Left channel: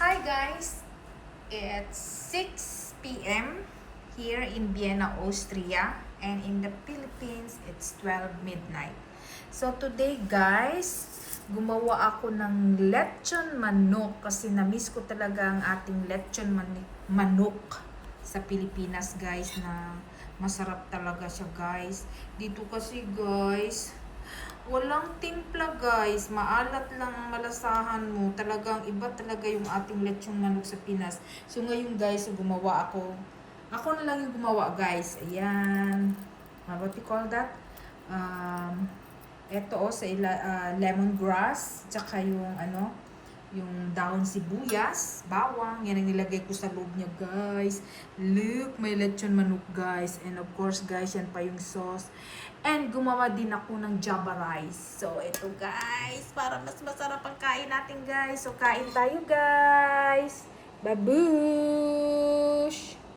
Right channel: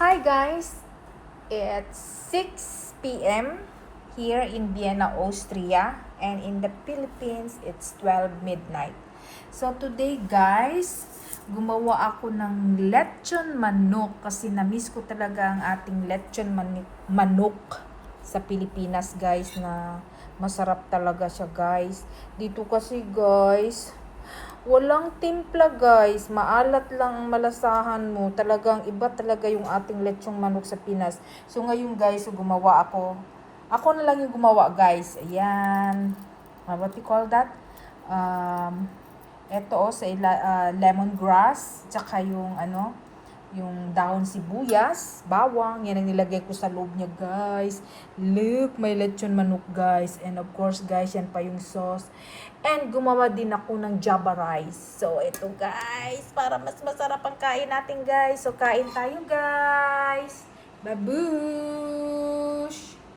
Hi guys, it's 6 p.m. here in Vienna, Austria, and in the Philippines it's 12 midnight. So today guys, gumawa ako ng lechon manok kasi na-miss ko talaga ang ating lechon manok sa Pilipinas guys, na masarap talaga siya guys. Dito kasi guys, walang timpla guys, maalat lang ang malasahan mo. Talagang iba talaga yung ating lechong manok sa Pinas. So ngayon guys, gumawa ako. Ako na lang yung gumawa guys. Ayan. What you call that? Ito sa lemongrass, tsaka yung yung dahon sibuyas, bawang, yan ang nilagay ko sa loob niya guys. Look, may lechon manok guys. And of course guys, yan pa yung sauce. And gumawa din ako ng java rice. So ito guys, para mas masarap ang kain natin guys. So kain tayo guys. Babu!